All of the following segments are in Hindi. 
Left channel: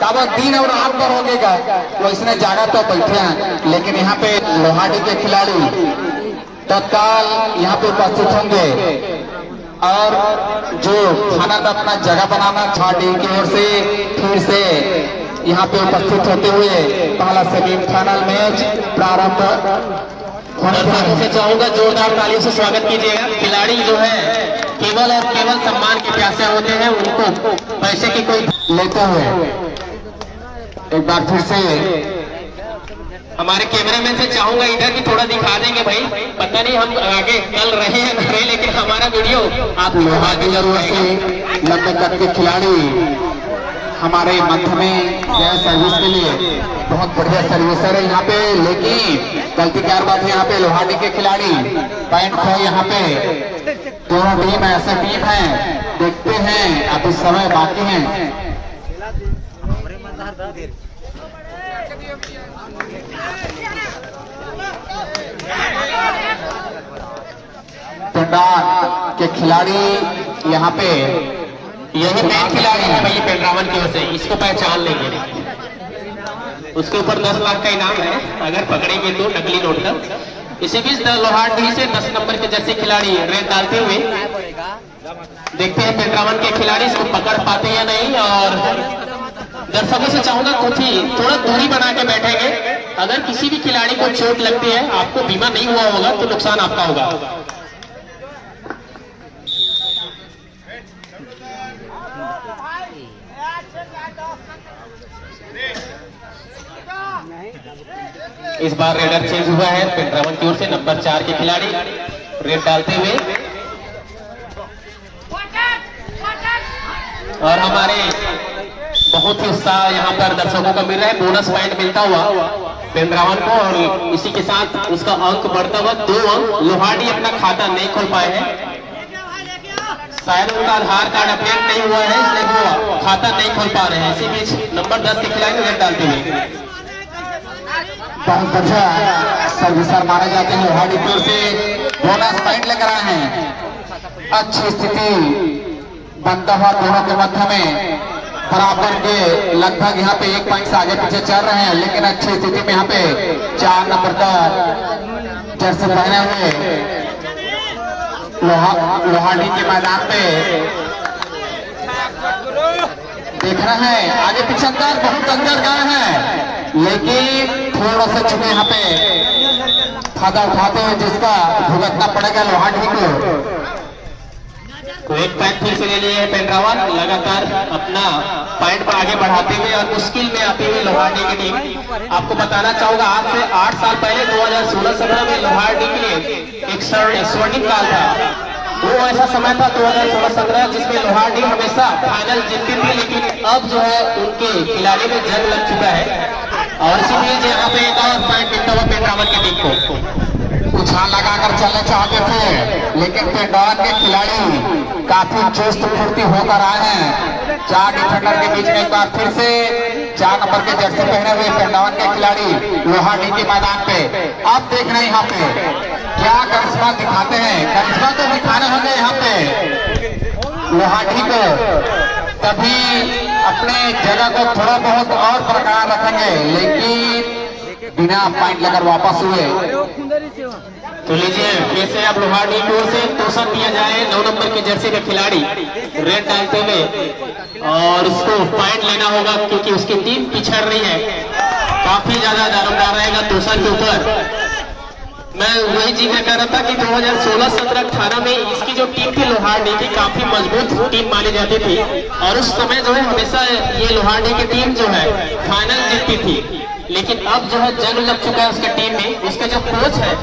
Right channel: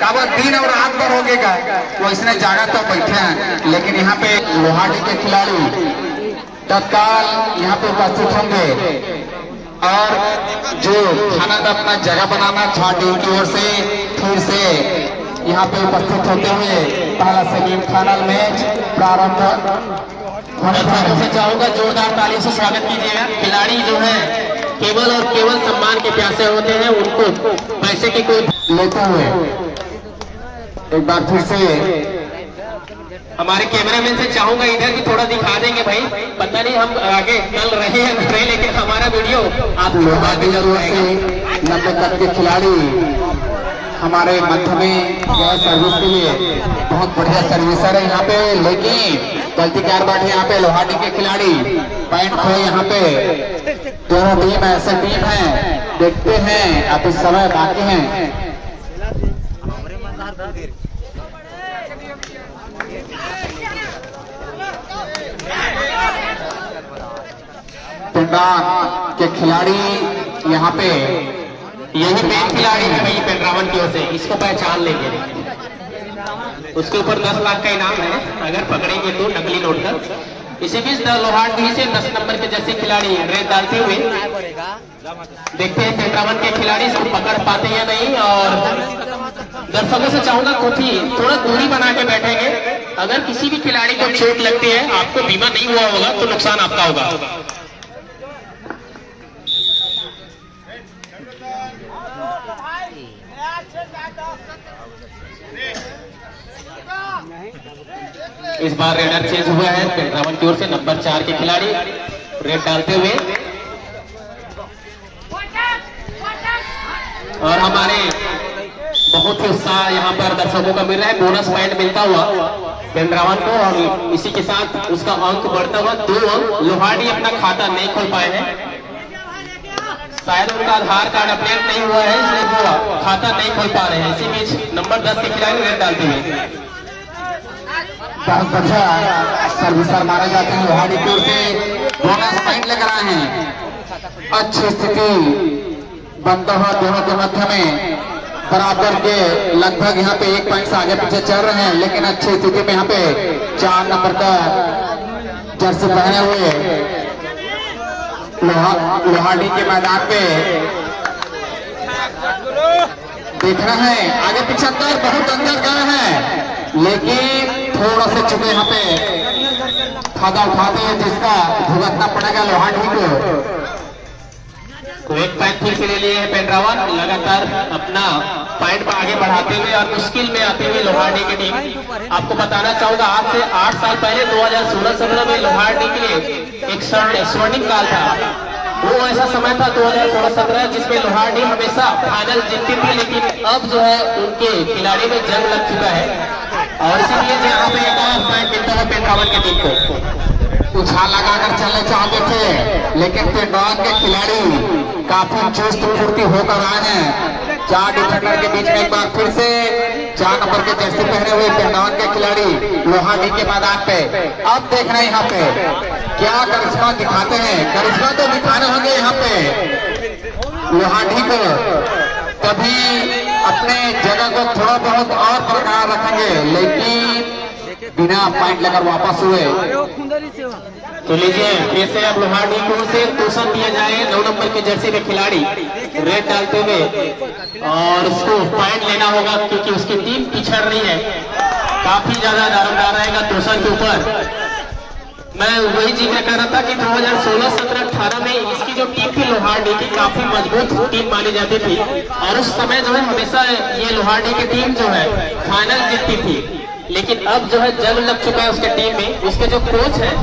कब दिन और रात भर हो गएगा वो इसने जागा तो बैठे हैं, लेकिन यहाँ पे लोहाड़ी के खिलाड़ी तत्काल यहाँ पे उपस्थित होंगे और जो खाना का अपना जगह बनाना छाटी की ओर से फिर से यहाँ पे उपस्थित होते हुए पहला सेमीफाइनल मैच प्रारंभ होने से चाहूंगा जोरदार तालियों से स्वागत कीजिएगा। खिलाड़ी जो है केवल और केवल सम्मान के प्यासे होते हैं, उनको पैसे की कोई लेते हुए एक बार फिर से हमारे कैमरामैन से चाहूंगा इधर की थोड़ा दिखा देंगे भाई। पता नहीं हम आगे चल रहे हैं नहीं, लेकिन हमारा वीडियो आप लोगों जरूर से लंबे कद के खिलाड़ी हमारे मध्य में गए सर्विस के लिए बहुत बढ़िया सर्विसर है यहाँ पे, लेकिन गलती कार बैठे यहाँ पे लोहाड़ी के खिलाड़ी पॉइंट है यहाँ पे। दोनों टीम ऐसे टीम है, देखते हैं अब इस समय बाकी है। पेंड्रावन के खिलाड़ी यहाँ पे यही खिलाड़ी है भाई पेंड्रावन की ओर से, इसको पहचान लेंगे। उसके ऊपर 10 लाख का इनाम है अगर पकड़ेंगे तो नकली नोट कर। इसी बीच लोहाड़ी से 10 नंबर के जैसे खिलाड़ी रेड डालते हुए देखते हैं पेंड्रावन के खिलाड़ी इसको पकड़ पाते या नहीं। और दर्शकों से चाहूंगा कुछ ही थोड़ा दूरी बना के बैठेंगे। अगर किसी भी खिलाड़ी को चोट लगती है, आपको बीमा नहीं हुआ होगा तो नुकसान आपका होगा। इस बार रेडर चेंज हुआ है पेंड्रावन की ओर से, नंबर 4 के खिलाड़ी रेड डालते हुए और हमारे बहुत ही उत्साह यहाँ पर दर्शकों का मिल रहा है। बोनस पॉइंट मिलता हुआ पेंड्रावन को और इसी के साथ उसका अंक बढ़ता हुआ 2 अंक। लोहाड़ी अपना खाता नहीं खोल पाए हैं, शायद उनका आधार कार्ड अपडेट नहीं हुआ है इसलिए वो खाता नहीं खोल पा रहे हैं। इसी बीच नंबर 10 के खिलाड़ी रेड डालते हुए बहुत बढ़िया सर्विसर मारे जाते हैं लोहाड़ी की ओर से, बोनस पॉइंट लेकर आए हैं। अच्छी स्थिति बनता हुआ दोनों के मध्य में बराबर के लगभग यहाँ पे 1 पॉइंट से आगे पीछे चल रहे हैं, लेकिन अच्छी स्थिति में यहाँ पे 4 नंबर का जर्सी पहने हुए लोहाड़ी के मैदान पे देख रहे हैं। आगे पीछे अंदर बहुत अंदर गए हैं, लेकिन थोड़ा सा चुके यहाँ पे फायदा उठाते हैं जिसका भुगतना पड़ेगा लोहाड़ी को। तो एक पॉइंट फिर से ले लिए पेंड्रावन, लगातार अपना पॉइंट आगे बढ़ाते हुए और मुश्किल में आते हुए लोहाड़ी की टीम। आपको बताना चाहूंगा आज से 8 साल पहले 2016-17 में लोहाड़ी के लिए एक स्वर्णिम काल था। वो ऐसा समय था 2016-17 जिसमें लोहाड़ी हमेशा फाइनल जीतती थी, लेकिन अब जो है उनके खिलाड़ी में जंग लग चुका है और इसीलिए यहाँ पे एक और पॉइंट मिलता हुआ पेंड्रावन की टीम को। उछाल लगाकर चलना चाहते थे, लेकिन पेंड्रावन के खिलाड़ी काफी चुस्त फुर्ती होकर आए हैं। 4 डिफेंडर के बीच में एक बार फिर से 4 नंबर के जर्सी पहने हुए पेंड्रावन के खिलाड़ी लोहाड़ी के मैदान पे। अब देखना यहाँ पे क्या करिश्मा दिखाते हैं। करिश्मा तो दिखाने होंगे यहाँ पे लोहाड़ी को, तभी अपनी जगह को थोड़ा बहुत और बरकरार रखेंगे, लेकिन बिना पॉइंट लेकर वापस हुए। तो लीजिए फिर से अब लोहाड़ी की ओर से तोषण दिया जाए 9 नंबर के जर्सी के खिलाड़ी रेड डालते हुए और उसको पॉइंट लेना होगा क्योंकि उसकी टीम पिछड़ रही है। काफी ज्यादा दारोमदार रहेगा तोषण के ऊपर। मैं वही जिक्र कर रहा था कि 2016-17-18 में इसकी जो टीम थी लोहाड़ी की काफी मजबूत टीम मानी जाती थी और उस समय जो है हमेशा ये लोहाड़ी की टीम जो है फाइनल जीतती थी, लेकिन अब जो है जंग लग चुका है उसके टीम में। उसके जो कोच है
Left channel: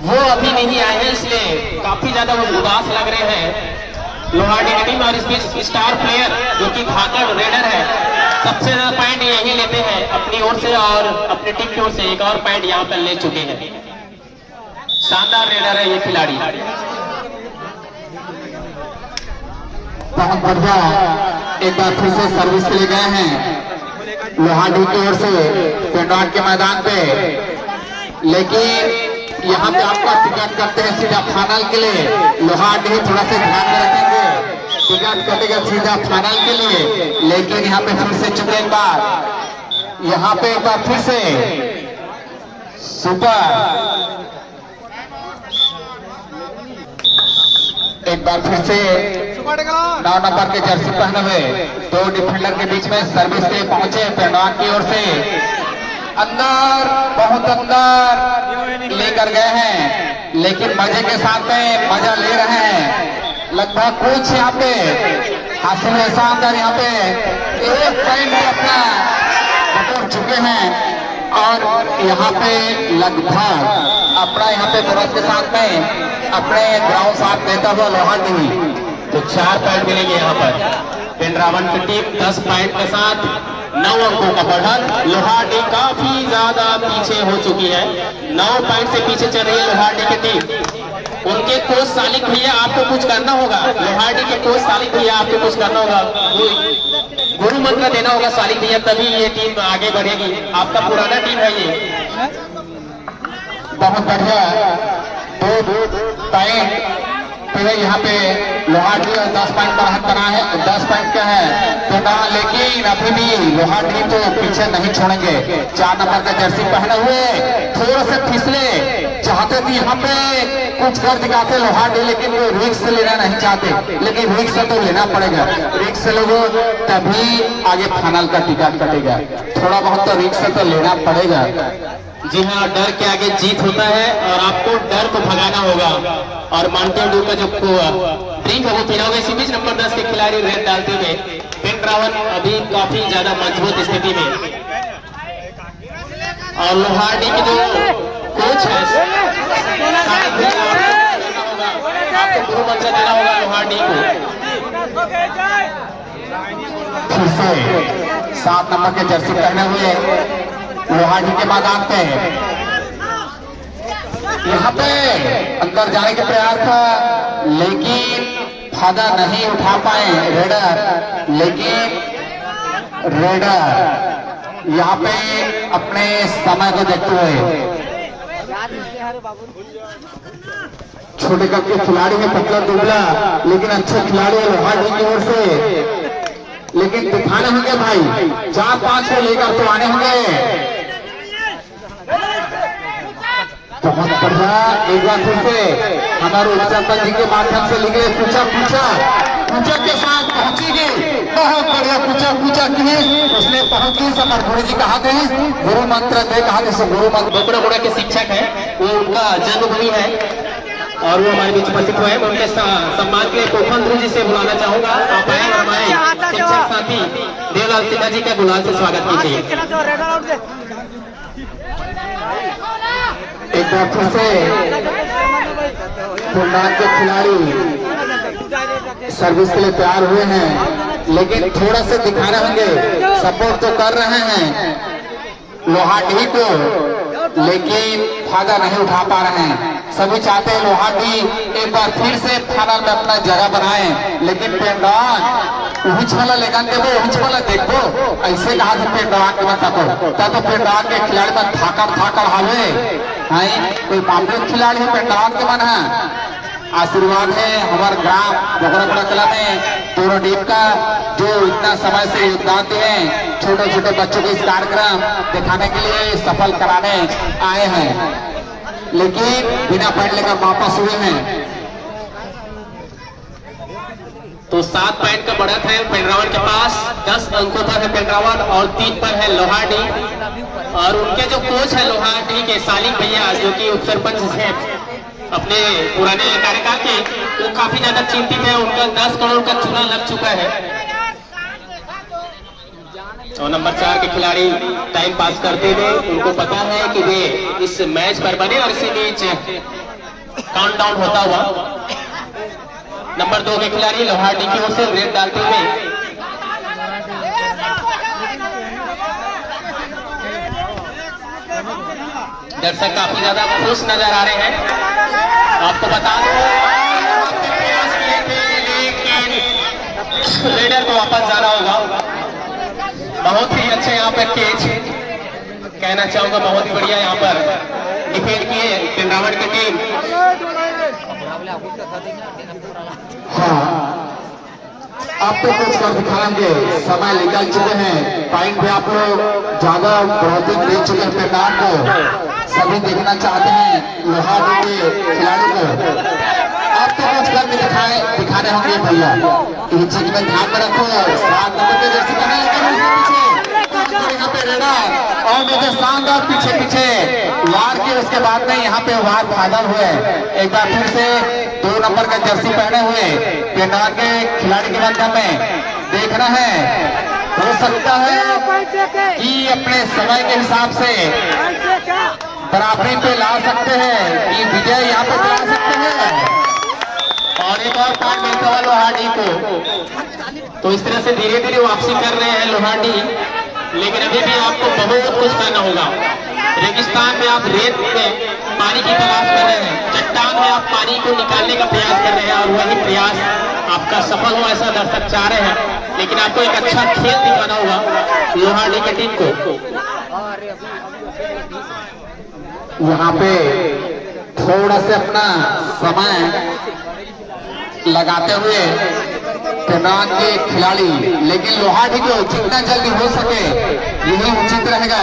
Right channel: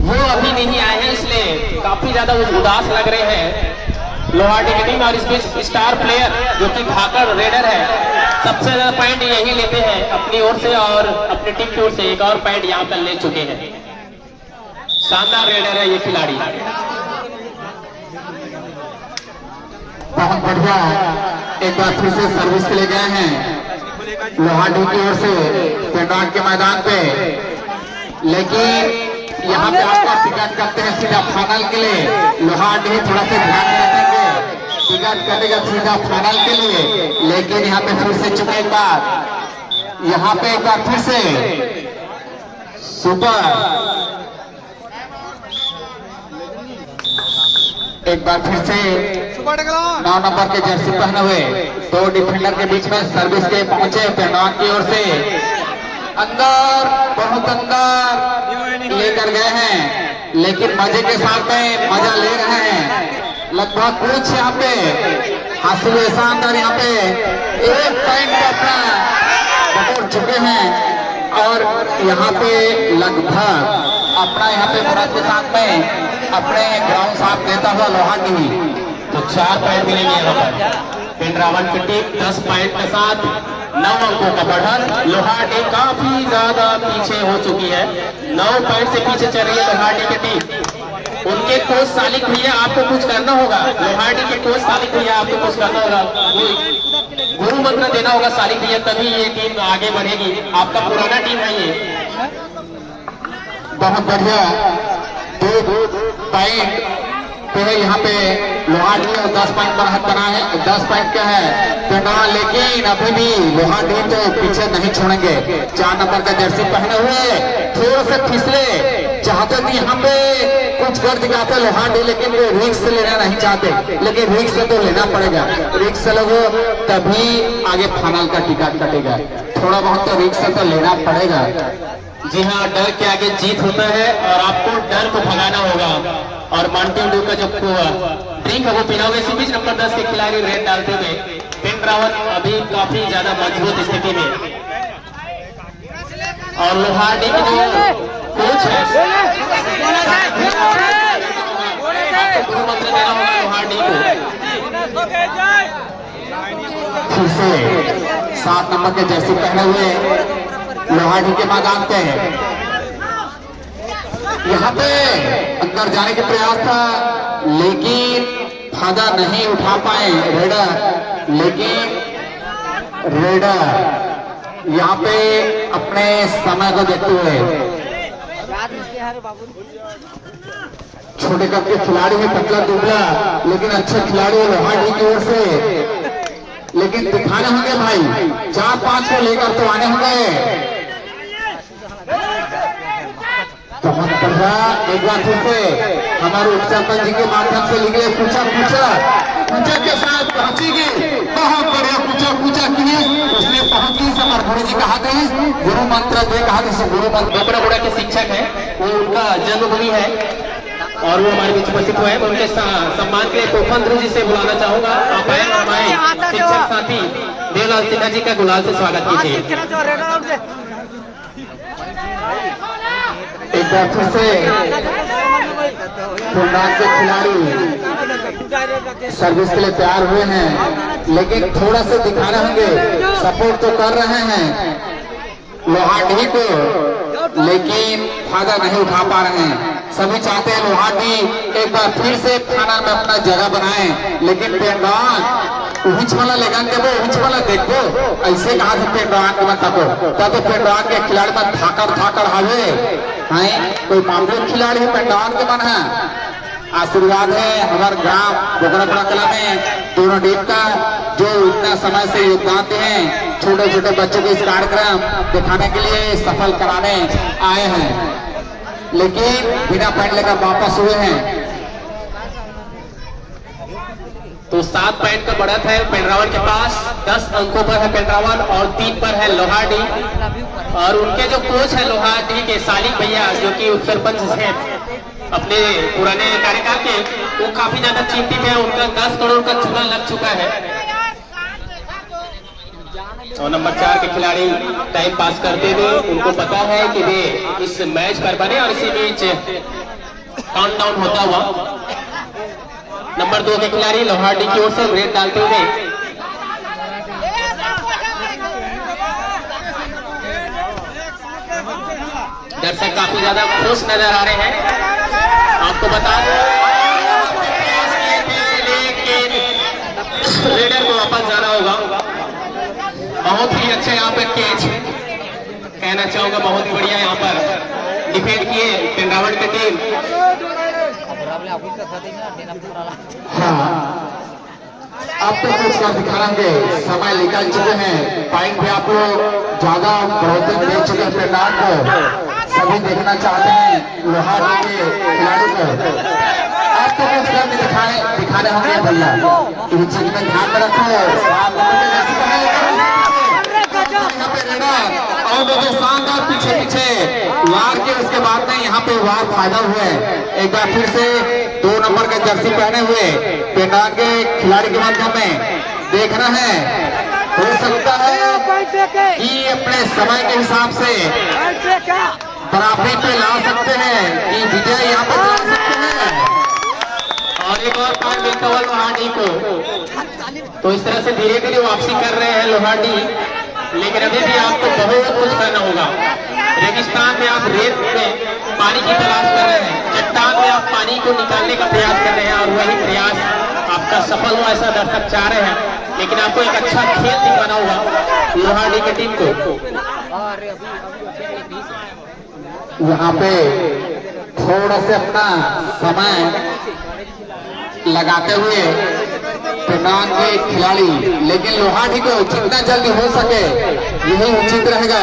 वो अभी नहीं आए हैं, इसलिए काफी ज्यादा उदास लग रहे हैं लोहाड़ी की टीम। और इस बीच स्टार प्लेयर जो कि खाकर रेडर है, सबसे ज्यादा पॉइंट यही लेते हैं अपनी ओर से और अपनी टीम की ओर से एक और पॉइंट यहाँ पर ले चुके हैं। शानदार रेडर है ये खिलाड़ी, बहुत बढ़िया। एक बार फिर से सर्विस के लिए गए हैं लोहाड़ी की ओर से पेंड्रावन के मैदान पे, लेकिन यहाँ पे आपका टिकट करते हैं सीधा फाइनल के लिए। लोहाड़ी थोड़ा सा ध्यान में रखेंगे टिकट कटेगा सीधा फाइनल के लिए, लेकिन यहाँ पे फिर से चुके एक बार यहाँ पे एक बार फिर से सुपर, एक बार फिर से 9 नंबर के जर्सी पहने हुए दो डिफेंडर के बीच में सर्विस के पहुंचे पहलवान की ओर से अंदर, बहुत अंदर लेकर गए हैं, लेकिन मजे के साथ में मजा ले रहे हैं। लगभग कुछ यहाँ पे हासिल ऐसा अंदर यहाँ पे एक पॉइंट अपना बटोर चुके हैं और यहाँ पे लगभग अपना यहाँ पे भारत के साथ में अपने ग्राउंड साथ देता हुआ लोहाटी तो 4 पॉइंट मिलेंगे यहाँ पर। पेंड्रावन की टीम 10 पॉइंट के साथ 9 अंकों का बढ़त। लोहाटी काफी ज्यादा पीछे हो चुकी है, 9 पॉइंट से पीछे चल रही है लोहाटी की टीम। उनके कोच सालिक भैया आपको कुछ करना होगा, लोहाटी के कोच सालिक भैया आपको कुछ करना होगा, गुरु मंत्र देना होगा सालिक भैया, तभी ये टीम आगे बढ़ेगी। आपका पुराना टीम है ये। बहुत बढ़िया दो पॉइंट पहले यहाँ पे लोहाटी 10 पॉइंट बढ़त बना है, 10 पॉइंट क्या है पेंडावन, लेकिन अभी भी लोहाटी तो पीछे नहीं छोड़ेंगे। 4 नंबर का जर्सी पहने हुए थोड़ा से फिसले चाहते थे यहाँ पे कुछ कर दिखाते लोहाटी, लेकिन वो रिक्स लेना नहीं चाहते, लेकिन रिक्स तो लेना पड़ेगा। रिक्स लोगों तभी आगे फाइनल का टिकट कटेगा, थोड़ा बहुत तो रिक्स तो लेना पड़ेगा। जी हाँ, डर के आगे जीत होता है और आपको डर को भगाना होगा। और माउंटेन ड्यू का जो ड्रिंक है वो पीना होगा। इसी बीच नंबर 10 के खिलाड़ी रेड डालते हुए पेंड्रावन अभी काफी ज्यादा मजबूत स्थिति में, और लोहाटी के जो कोच है गुरु मंत्र देना होगा लोहाटी को। फिर से 7 नंबर के जर्सी पहने हुए लोहाटी के मैदान पे यहाँ पे अंदर जाने के प्रयास था, लेकिन फायदा नहीं उठा पाए रेडर, लेकिन रेडर यहाँ पे अपने समय को देखते हुए छोटे कप के खिलाड़ी में पतला दुबला लेकिन अच्छे खिलाड़ी लोहाटी की ओर से, लेकिन दिखाने होंगे भाई 4-5 को लेकर तो आने होंगे। बहुत बढ़िया, एक बार फिर से हमारे उपसरपंच जी के माध्यम से लिखे पूछा के साथ पहुंचेगी। बहुत बढ़िया पूछा किए इसने पहुंची। समर घोड़े जी कहा थे गुरु मंत्र दे, कहा थे गुरु मंत्र। बकड़ा के शिक्षक है, वो उनका जन्मभूमि है और वो हमारे बीच उपस्थित हुए हैं। मैं उनके सम्मान के लिए कोफन गुरु जी से बुलाना चाहूंगा। आप आए हमारे शिक्षक साथी देवलाल सिन्हा जी का गुलाल से स्वागत कीजिए। एक बार फिर से फुलबाग के खिलाड़ी सर्विस के लिए तैयार हुए हैं, लेकिन थोड़ा से दिखाने होंगे, सपोर्ट तो कर रहे हैं लोहाटी को, लेकिन फायदा नहीं उठा पा रहे हैं। सभी चाहते हैं लोहाटी एक बार फिर से फाइनल में अपना जगह बनाए, लेकिन पेंडावन वाला लेगा देवो देखो ऐसे कहा था पेंडावन के मतलब तो पेंडावन के खिलाड़ी में थाकर हावे हैं, कोई मामूली खिलाड़ी है पेंडावन के मन है। आशीर्वाद है हमारे ग्राम बोगरापड़ा कला में दोनों टीम का, जो इतना समय से योगदान दिए हैं, छोटे छोटे बच्चों को इस कार्यक्रम दिखाने के लिए सफल कराने आए हैं, लेकिन बिना पॉइंट लेकर वापस हुए हैं। तो 7 पॉइंट का बढ़त है पेंड्रावन के पास, 10 अंकों पर है पेंड्रावन और 3 पर है लोहाटी। और उनके जो कोच है लोहाटी के सालिक भैया, जो कि उप सरपंच है अपने पुराने कार्यकाल के, वो काफी ज्यादा चिंतित है। उनका 10 करोड़ का चूना लग चुका है। और नंबर 4 के खिलाड़ी टाइम पास करते हुए, उनको पता है कि वे इस मैच पर बने और इसी बीच काउंटडाउन होता हुआ नंबर 2 के खिलाड़ी लोहाटी की ओर से रेड डालते हुए दर्शक काफी ज्यादा खुश नजर आ रहे हैं। आपको बता दो रेडर को वापस जाना होगा। बहुत ही अच्छे यहाँ पर कैच कहना चाहूंगा, बहुत ही बढ़िया यहाँ पर डिफेंड किए पेंड्रावन की टीम। अब तो कुछ कर दिखाएंगे, समय निकल चुके हैं, पॉइंट भी आप लोग ज्यादा बढ़ोतरी दे चुके हैं पेनान को, सभी देखना चाहते हैं लोहार के खिलाड़ी को। अब तो कुछ कर दिखाने होंगे भैया, इस चीज में ध्यान में रखो। यहाँ पे रेडा और देखिए शानदार पीछे पीछे वार के, उसके बाद में यहाँ पे वार फाइनल हुए। एक बार फिर से 2 नंबर के जर्सी पहने हुए पेनान के खिलाड़ी के मध्य में देखना है, हो सकता है कि अपने समय के हिसाब से बराबरी पे ला सकते हैं, कि विजय यहाँ पे चला सकते हैं। और एक और पॉइंट मिलता हुआ लोहाडी को। तो इस तरह से धीरे धीरे वापसी कर रहे हैं लोहाडी, लेकिन अभी भी आपको बहुत कुछ करना होगा। रेगिस्तान में आप रेत में पानी की तलाश कर रहे हैं, चट्टान में आप पानी को निकालने का प्रयास कर रहे हैं, और वही प्रयास आपका सफल हो ऐसा दर्शक चाह रहे हैं। लेकिन आपको एक अच्छा खेल दिखाना होगा लोहाडी की टीम को। यहाँ पे थोड़ा से अपना समय लगाते हुए पेनान के खिलाड़ी, लेकिन लोहाडी को जितना जल्दी हो सके यही उचित रहेगा,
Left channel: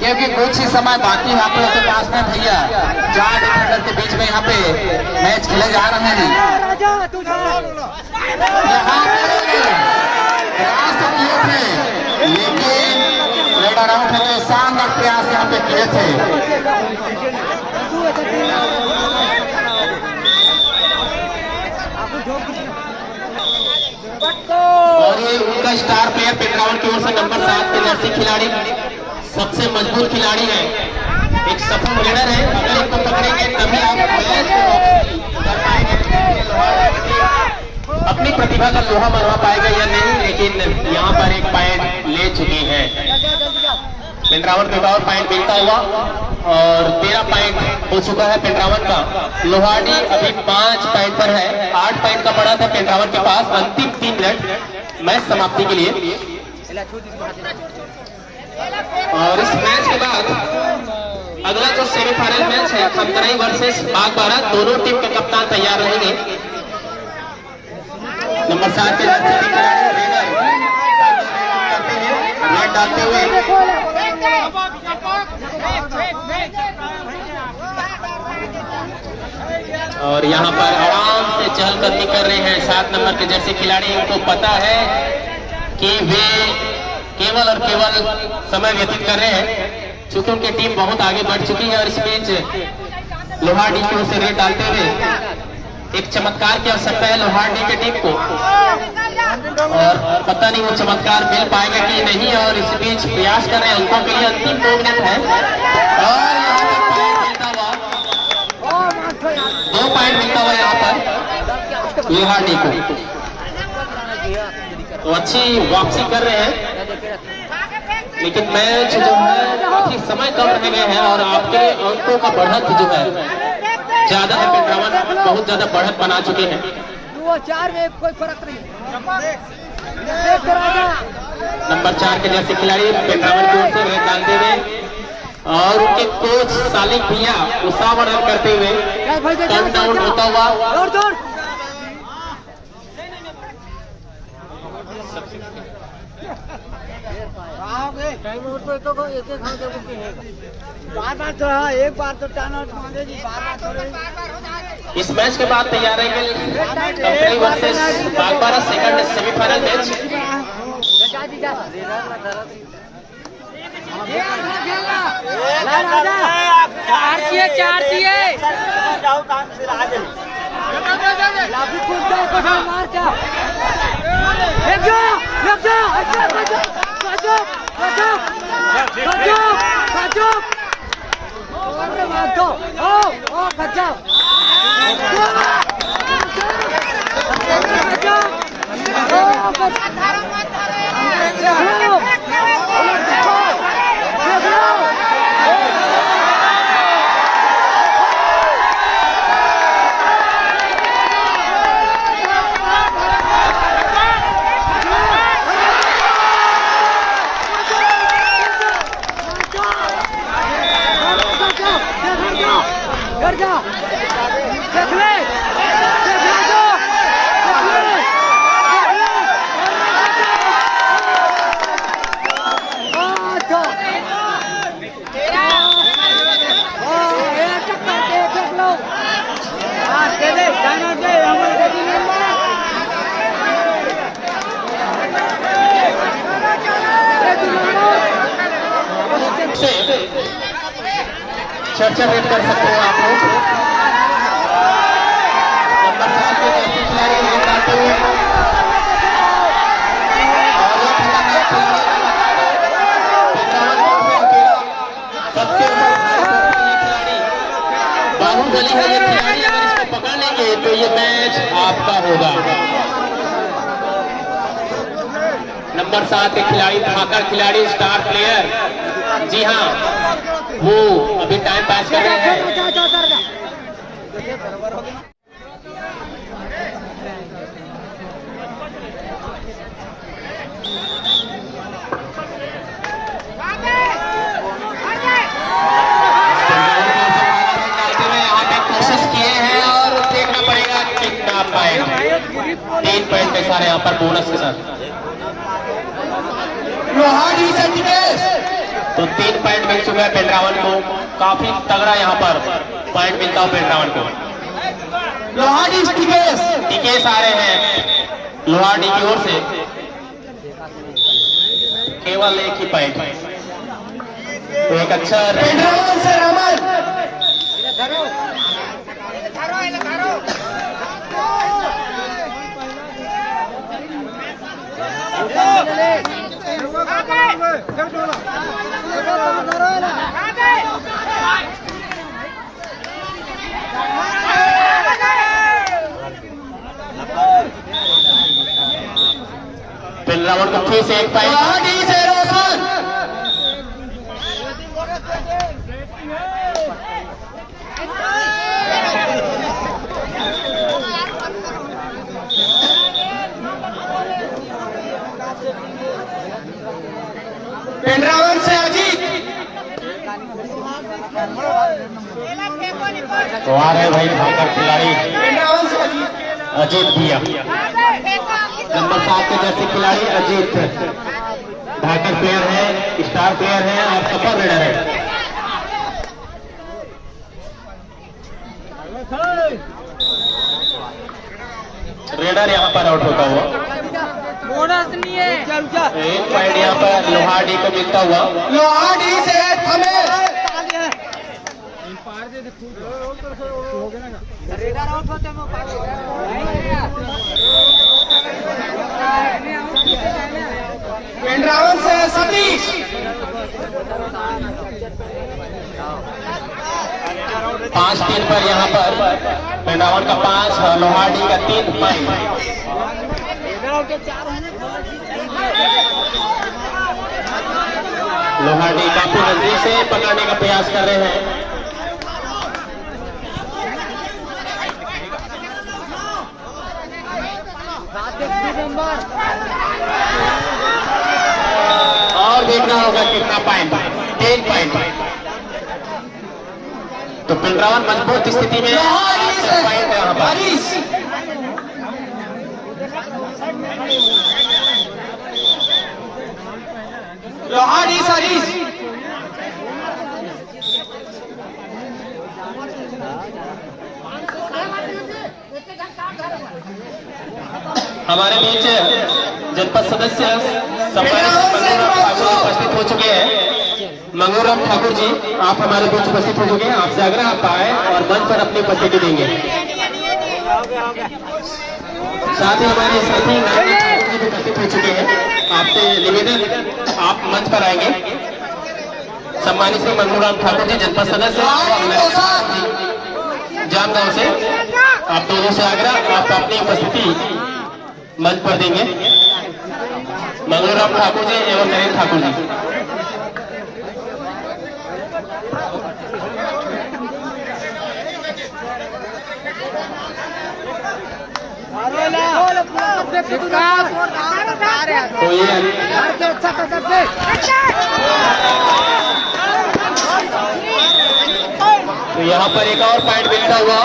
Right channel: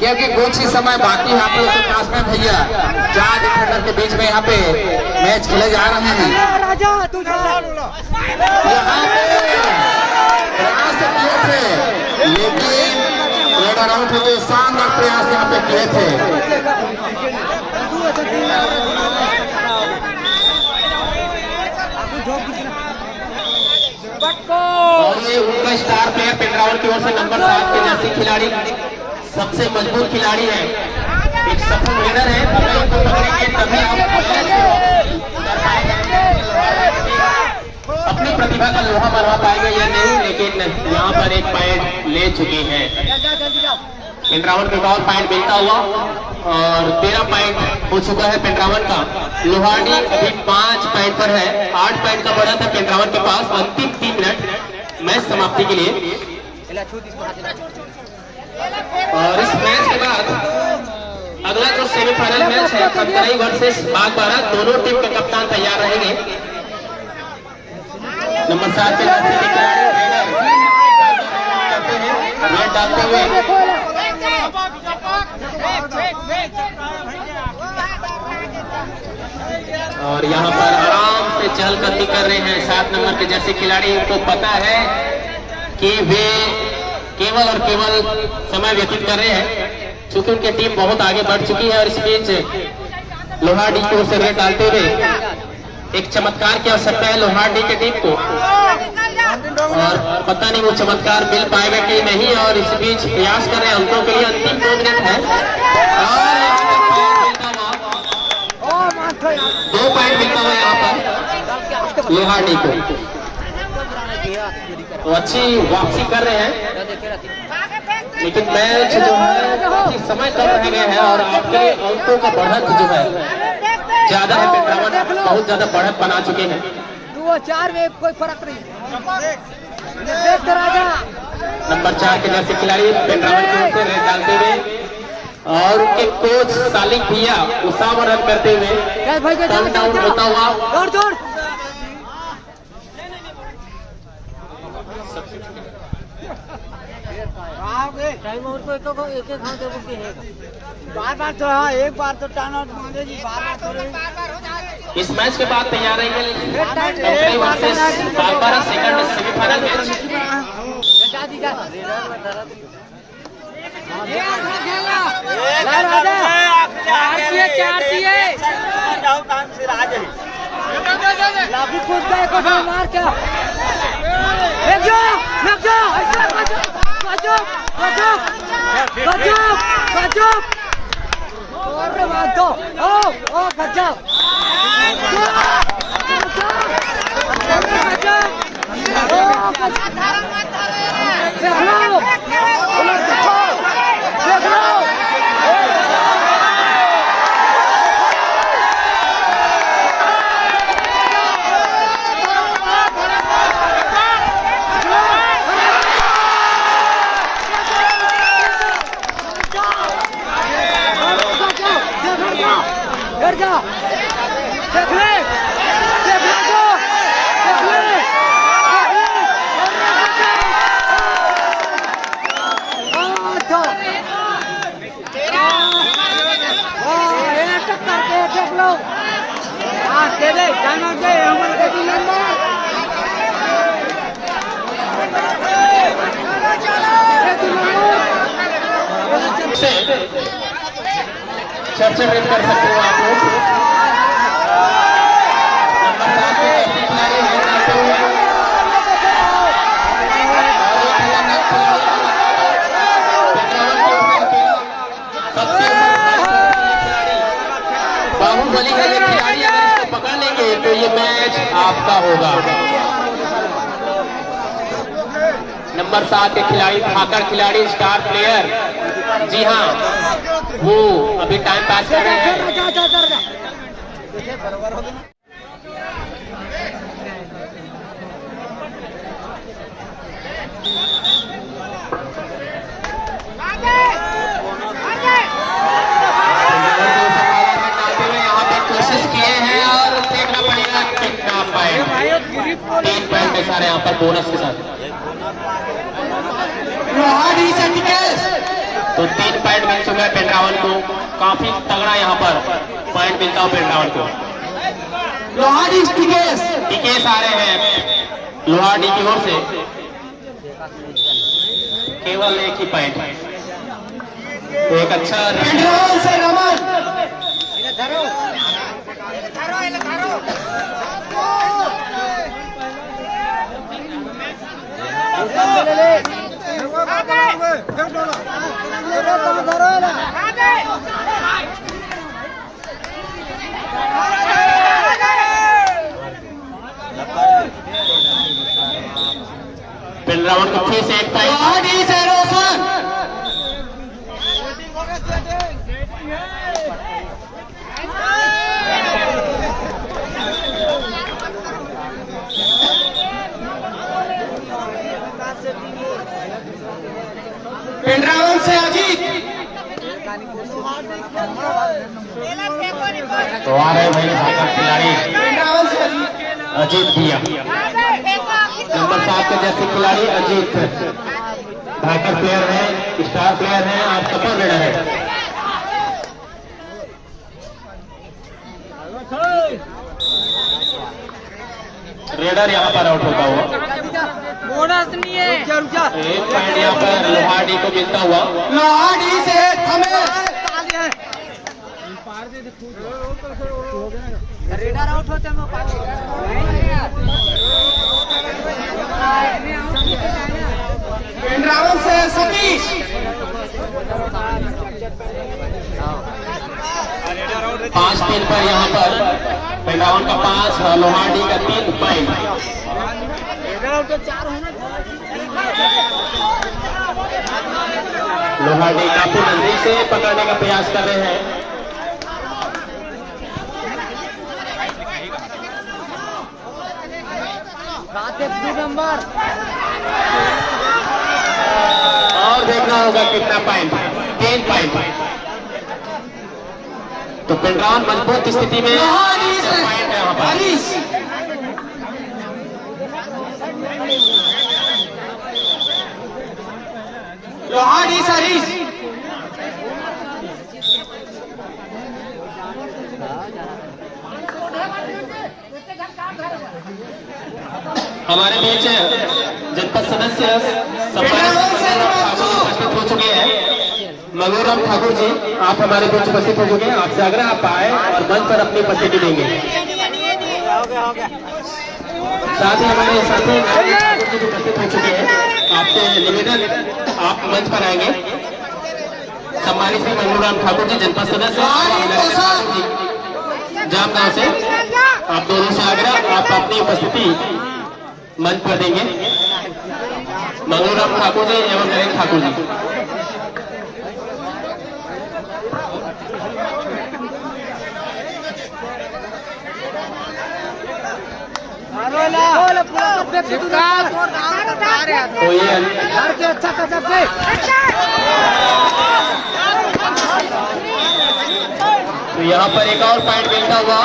क्योंकि कुछ ही समय बाकी है आप लोगों के पास में भैया। 4 डिफेंडर के बीच में यहाँ पे मैच खेले जा रहे हैं। यहाँ पे प्रयास तो किए थे, लेकिन रेडर आउट है, जो शानदार प्रयास यहाँ पे किए थे। और ये उनका स्टार प्लेयर पेट्रावल की ओर से नंबर 7 के जर्सी खिलाड़ी, सबसे मजबूत खिलाड़ी है, एक सफल रेडर है। अगर इनको पकड़ेंगे तभी आप अपनी प्रतिभा का लोहा मनवा पाएंगे या नहीं, लेकिन यहाँ पर एक पॉइंट ले चुकी है पेट्रावल को। और पॉइंट मिलता हुआ और 13 पॉइंट हो चुका है पेट्रावल का। लोहाडी अभी 5 पॉइंट पर है, 8 पॉइंट का बढ़त है पेट्रावल के पास। अंतिम 3 मिनट मैच समाप्ति के लिए, और इस मैच के बाद अगला जो सेमीफाइनल मैच है खमतराई वर्सेस बागबाड़ा, दोनों टीम के कप्तान तैयार रहेंगे। नंबर 7 के रेड डालते हुए और यहाँ पर आराम से चहलकदमी कर रहे हैं 7 नंबर के जर्सी खिलाड़ी। उनको पता है कि वे केवल और केवल समय व्यतीत कर रहे हैं, क्योंकि उनकी टीम बहुत आगे बढ़ चुकी है। और इस बीच लोहाडी की ओर से रेड डालते हुए एक चमत्कार की आवश्यकता है लोहाडी की टीम को, और पता नहीं वो चमत्कार मिल पाएगा कि नहीं। और इस बीच प्रयास कर रहे हैं अंकों के लिए, अंतिम 2 मिनट है और 2 पॉइंट मिलता हुआ यहाँ पर लोहाडी को। तो अच्छी वापसी कर रहे हैं, लेकिन मैच जो है काफी समय कम रह गए हैं और आपके अंकों का बढ़त जो है ज्यादा है। पेट्रावल बहुत ज्यादा बढ़त बना चुके हैं। 2-4 में कोई फर्क नहीं। नंबर 4 के जैसे खिलाड़ी पेट्रावल की ओर से रेड डालते हुए और उनके कोच सालिक भैया उत्साह रन करते हुए टर्न डाउन होता हुआ। टाइम और तो एक बार तो हाँ, एक बार तो टर्न आउट मांगेगी, बार थोड़े। इस मैच के बाद तैयार रहेंगे Khamtarai versus Bagbara second semifinal match. मार क्या देख ले चर्चा भी कर सकते हो आप लोग। नंबर 7 पे जैसे खिलाड़ी हैं करते हुए और ये खेला मैच सबके बाहुबली है। ये खिलाड़ी अगर इसको पकड़ लेंगे तो ये मैच आपका होगा। नंबर 7 के खिलाड़ी ठाकर खिलाड़ी स्टार प्लेयर, जी हाँ वो अभी टाइम पास कर रहे हैं। यहाँ पे कोशिश किए हैं और देखना पड़ेगा कितना पॉइंट। 3 पॉइंट के सारे यहाँ पर बोनस के साथ लोहाड़ी से टिकेश, तो 3 पॉइंट मिल चुका है पेंड्रावन को। काफी तगड़ा यहाँ पर पॉइंट मिलता है पेंड्रावन को। लोहाड़ी टिकेश, टिकेश आ रहे हैं लोहाड़ी की ओर से, केवल एक ही पॉइंट। एक अच्छा पेंड्रावन से रमन, पेंड्रावन को फिर से एक पॉइंट। लोहाड़ी से रोशन, पेंड्रावन से अजीत, तो आ रहे भाई ठाकर खिलाड़ी पेंड्रावन से अजीत, अजीत भैया। नंबर 7 के जैसे खिलाड़ी अजीत ढाकर प्लेयर है, स्टार प्लेयर है और सफल रेडर है। रेडर यहाँ पर आउट होता हुआ। बोनस नहीं है। एक पॉइंट यहाँ पर लोहाड़ी को मिलता हुआ। लोहाड़ी से थमेश, पेंड्रावन से सतीश, 5-3 पर यहाँ पर पेंड्रावन का 5 और लोहाड़ी का 3 पॉइंट। लोहाड़ी काफी नजदीक से पकड़ने का प्रयास कर रहे हैं। और देखना होगा कितना पॉइंट, 3 पॉइंट। तो पेंड्रावन मजबूत स्थिति में पॉइंट है यहाँ पर। हरीश, लोहाड़ी से हरीश, हमारे बीच जनपद सदस्य उपस्थित हो चुके हैं। मंगूराम ठाकुर जी आप हमारे बीच उपस्थित हो चुके हैं। आपसे आग्रह आप आए और मंच पर अपनी उपस्थिति देंगे। साथ ही हमारे साथी उपस्थित हो चुके हैं। आपसे निवेदन आप मंच पर आएंगे। सम्मानित श्री मंगूराम ठाकुर जी जनपद सदस्य जामगांव से, आप दोनों से आग्रह आप अपनी उपस्थिति मंच पर देंगे। मंगलूराम ठाकुर जी एवं नरेंद्र ठाकुर जी। तो यहाँ पर एक और पॉइंट मिलता हुआ